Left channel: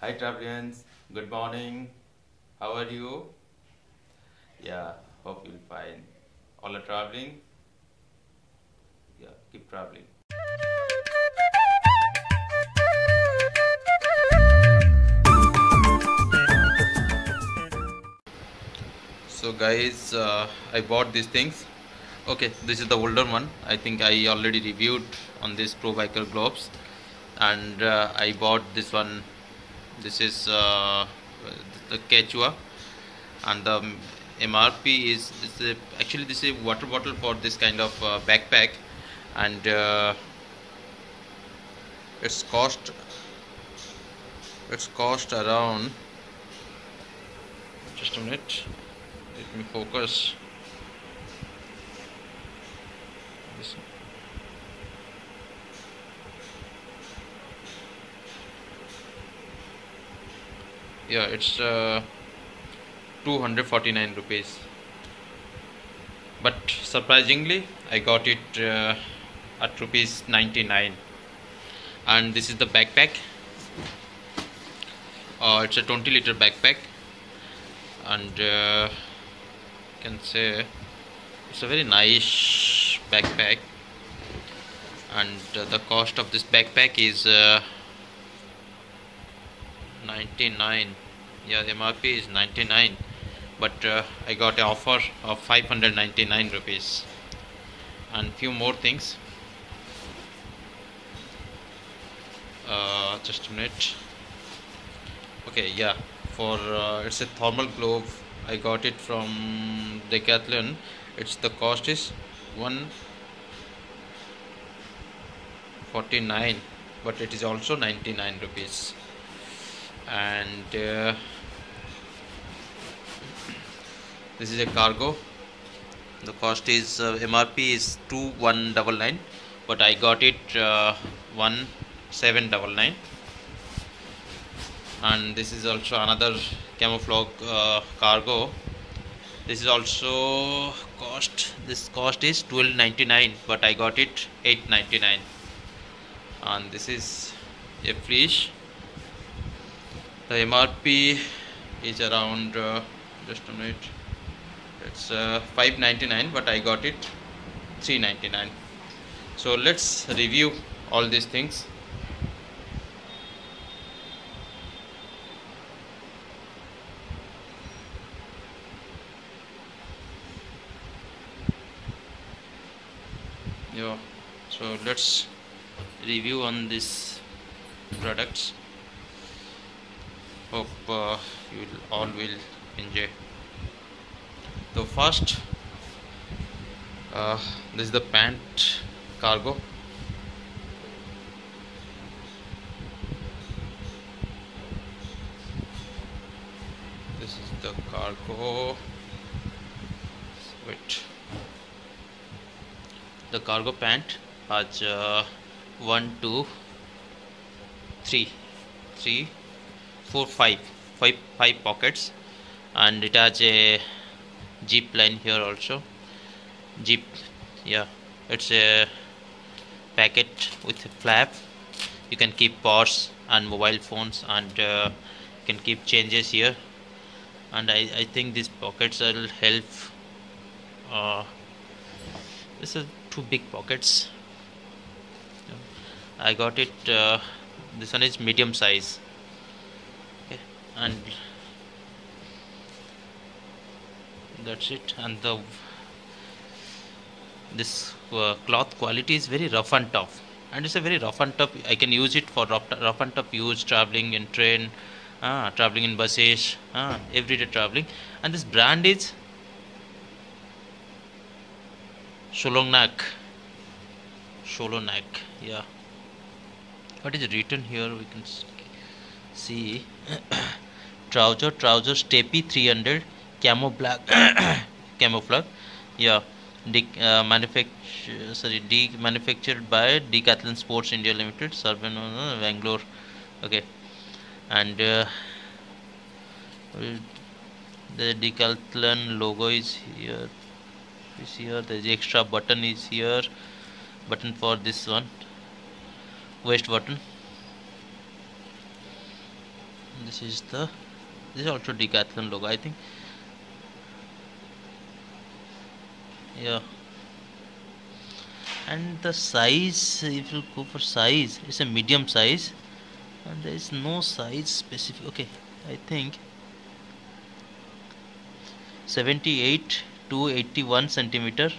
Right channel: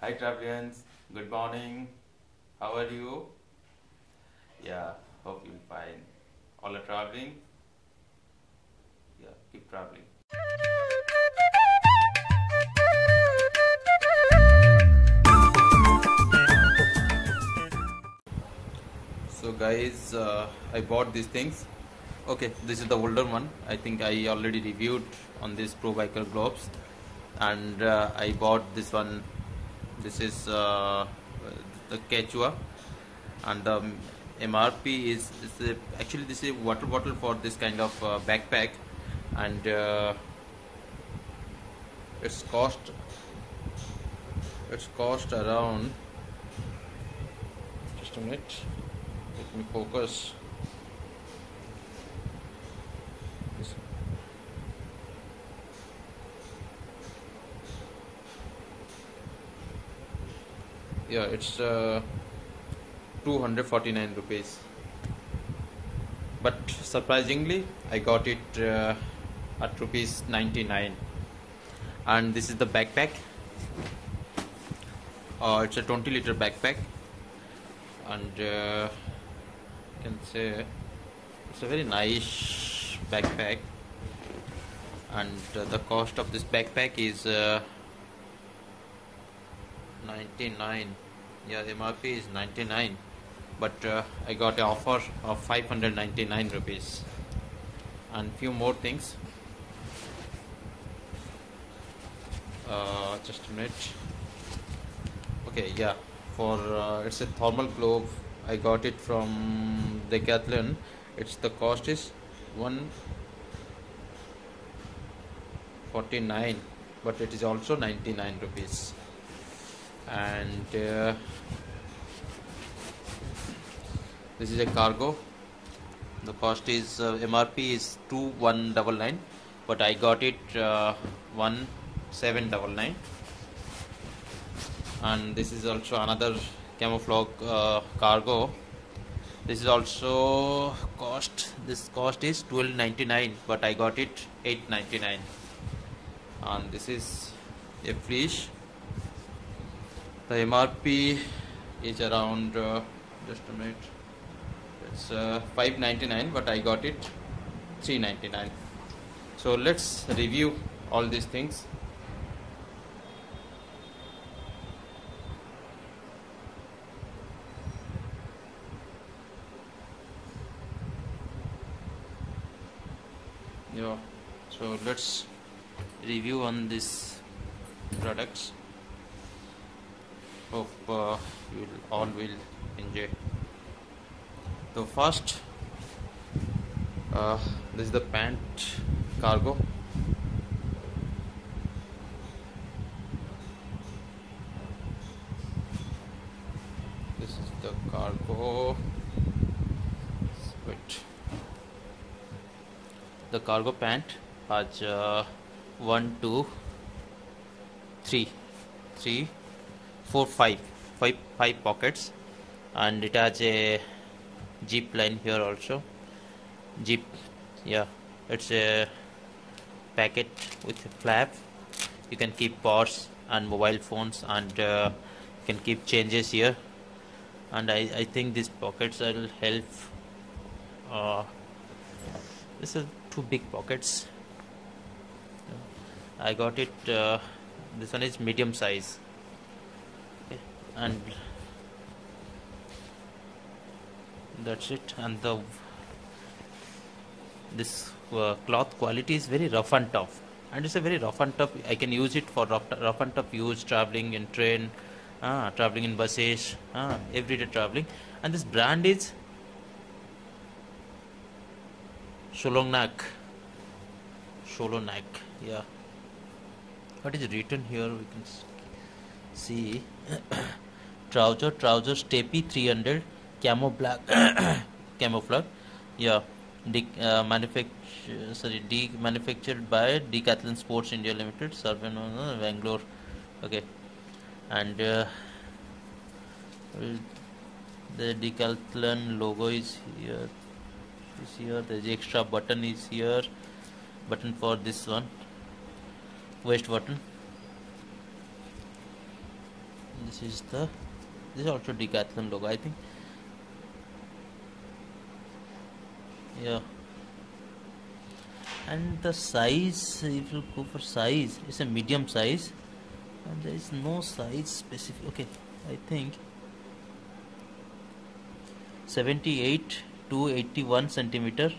Hi Travellians, good morning. How are you? Yeah, hope you'll fine. All are traveling? Yeah, keep traveling. So guys, I bought these things. Okay, this is the older one. I think I already reviewed on this Pro Biker gloves, and I bought this one. This is the Quechua, and the MRP is actually this is a water bottle for this kind of backpack, and its cost around, just a minute, let me focus this. Yeah, it's 249 rupees, but surprisingly I got it at rupees 99. And this is the backpack. It's a 20-liter backpack, and you can say it's a very nice backpack. And the cost of this backpack is 99. Yeah, the MRP is 99, but I got an offer of 599 rupees. And few more things. Just a minute. Okay, yeah, for it's a thermal glove. I got it from Decathlon. It's the cost is 149, but it is also 99 rupees. And this is a cargo. The cost is MRP is 2199, but I got it 1799. And this is also another camouflage cargo. This is also cost. This cost is 1299, but I got it 899. And this is a fleece. The MRP is around just a minute. It's 599, but I got it 399. So let's review all these things. Yeah, so let's review on these products. Hope you all will enjoy. So first, this is the Pant cargo. This is the cargo. Wait. The cargo pant has 1, 2, 3, 3, 4, 5, 5 pockets, and it has a zip line here also. Zip, yeah, it's a packet with a flap. You can keep purse and mobile phones, and you can keep changes here. And I think these pockets will help. This is two big pockets. I got it. This one is medium size. Okay, and that's it. And this cloth quality is very rough and tough, and it's a very rough and tough. I can use it for rough and tough use, traveling in train, traveling in buses, everyday traveling. And this brand is Solongnak. Yeah. What is written here? We can see trouser Steppy 300 camo black camouflage. Yeah, manufactured by Decathlon Sports India Limited, Survey Bangalore. Okay, and the Decathlon logo is here. The extra button is here. Button for this one, waist button. This is the, this is also Decathlon logo, I think. Yeah. And the size, if you go for size, it's a medium size, and there is no size specific. Okay, I think 78 to 81 centimeter.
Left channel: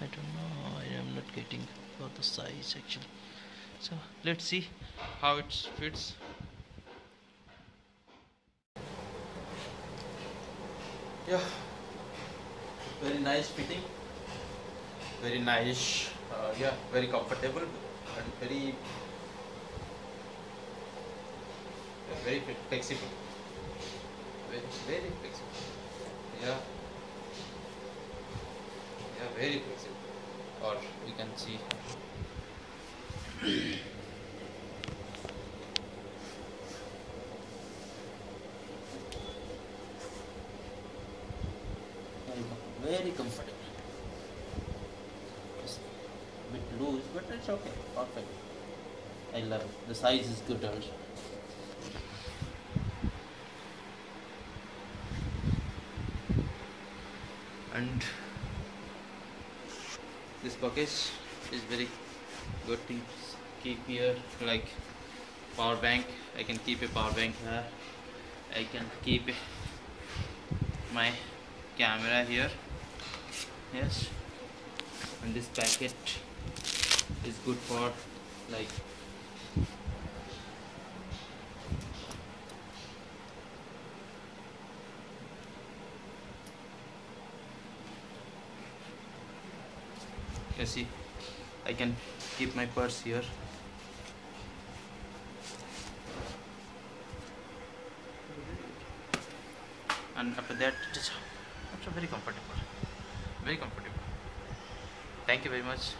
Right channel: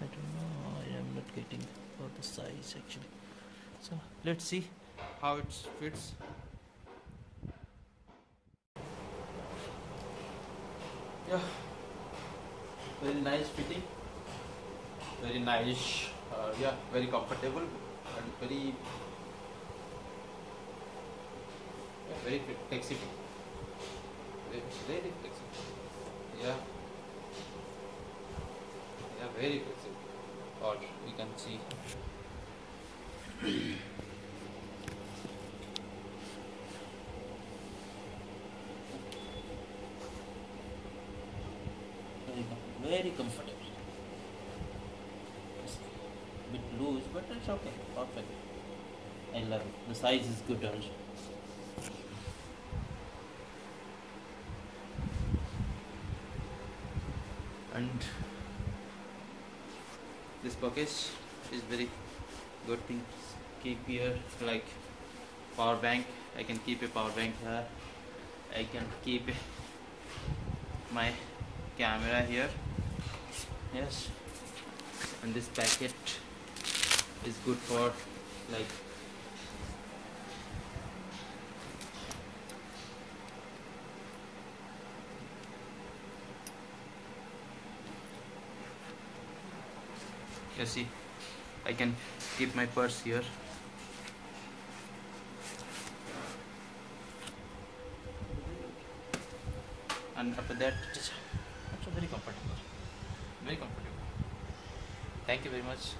I don't know, I am not getting for the size actually. So let's see how it fits. Yeah, very nice fitting, very nice. Yeah, very comfortable and very very flexible. Very flexible. Yeah, yeah, very flexible. Or you can see. Very comfortable. It's a bit loose, but it's okay. Perfect. I love it. The size is good also. And this package is very good thing. Keep here like power bank. I can keep a power bank here. I can keep my camera here. Yes. And this packet is good for like you see, I can keep my purse here. And after that, it's also very comfortable. Very comfortable. Thank you very much.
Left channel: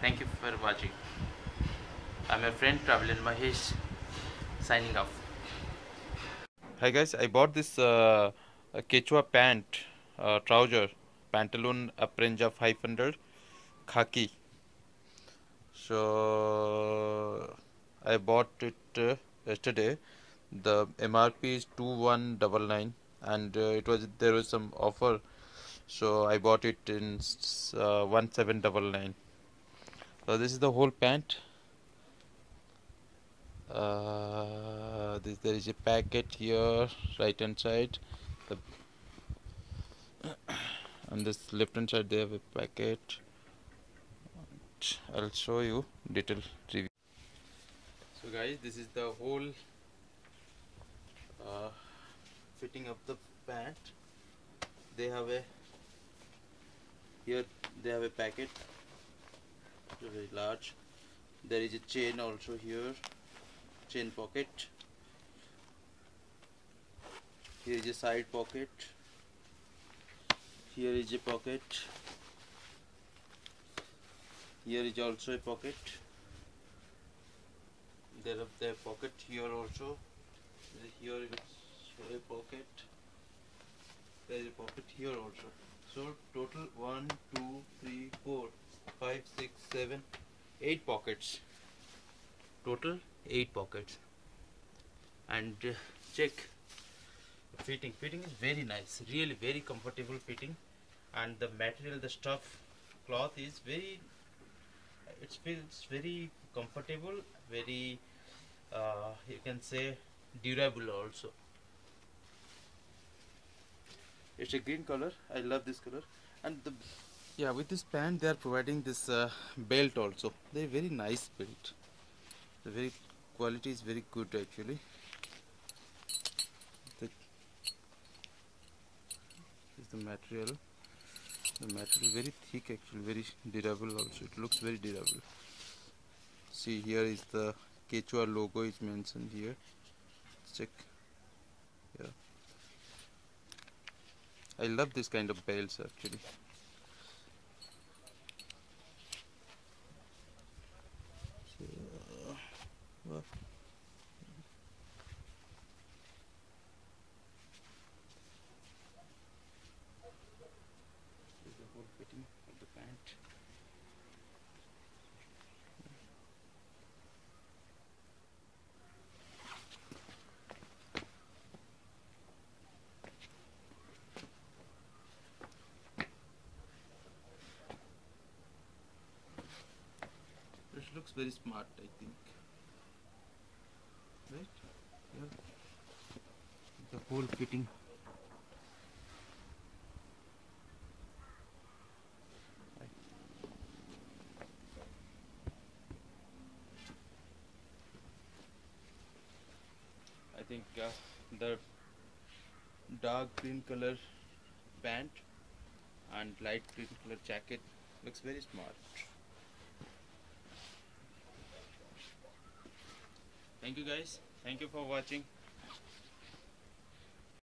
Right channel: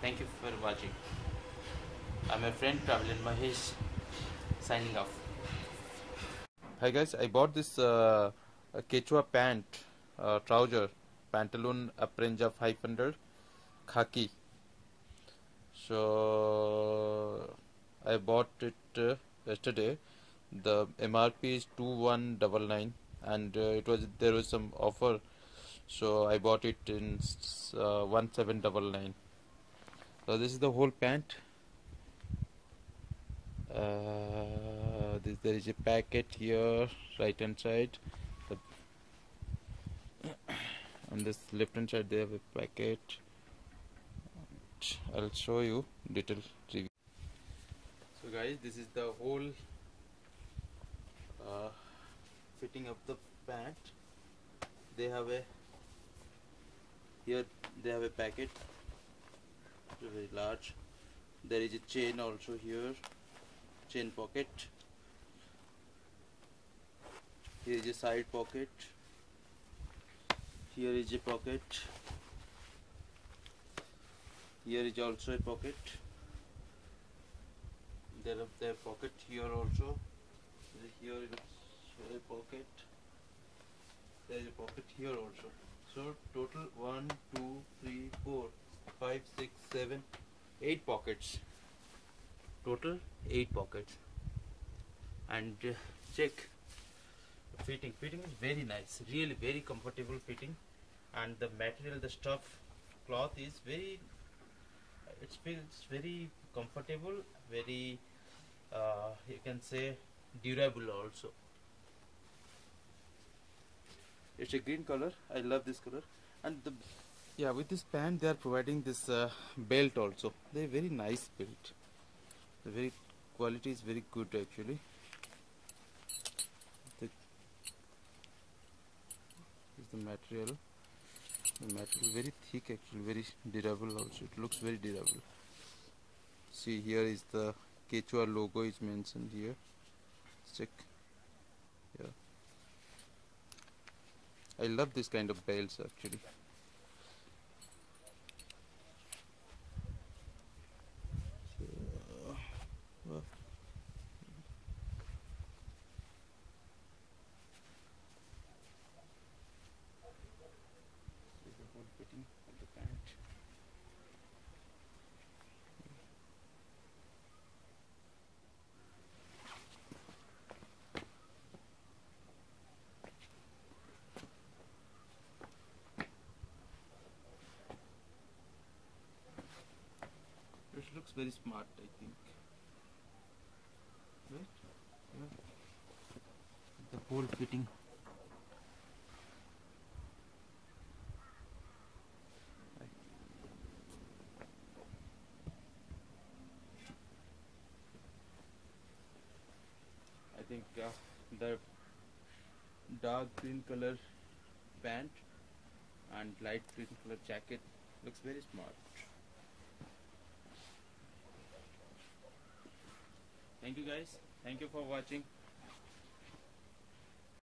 Thank you for watching. I'm your friend Travellian Mahesh, signing off. Hi guys, I bought this Quechua pant trouser, pantaloon range of 500 khaki. So I bought it yesterday. The MRP is 2199 and there was some offer, so I bought it in 1799. So this is the whole pant. There is a packet here, right hand side, and this left hand side they have a packet. I'll show you detailed review. So guys, this is the whole fitting of the pant. They have a, here they have a packet, very large. There is a chain also here, chain pocket. Here is a side pocket. Here is a pocket. Here is also a pocket. There is a pocket here also. Here is a pocket. There is a pocket here also. So total 1, 2, 3, 4, 5, 6, 7, 8 pockets. Total 8 pockets. And check fitting. Fitting is very nice. Really very comfortable fitting. And the material, the stuff, cloth is very. It feels very comfortable. Very. You can say durable also. It's a green color. I love this color. And the, yeah, with this pant they are providing this belt also. They're very nice belt. The very quality is very good actually. This is the material. The material very thick actually, very durable also. It looks very durable. See, here is the Quechua logo is mentioned here. Check. Yeah. I love this kind of belts actually. So, well, this is the whole fitting of the pant. looks very smart, I think. Right? Yeah. The whole fitting. Right. I think the dark green color pant and light green color jacket looks very smart. Thank you guys. Thank you for watching.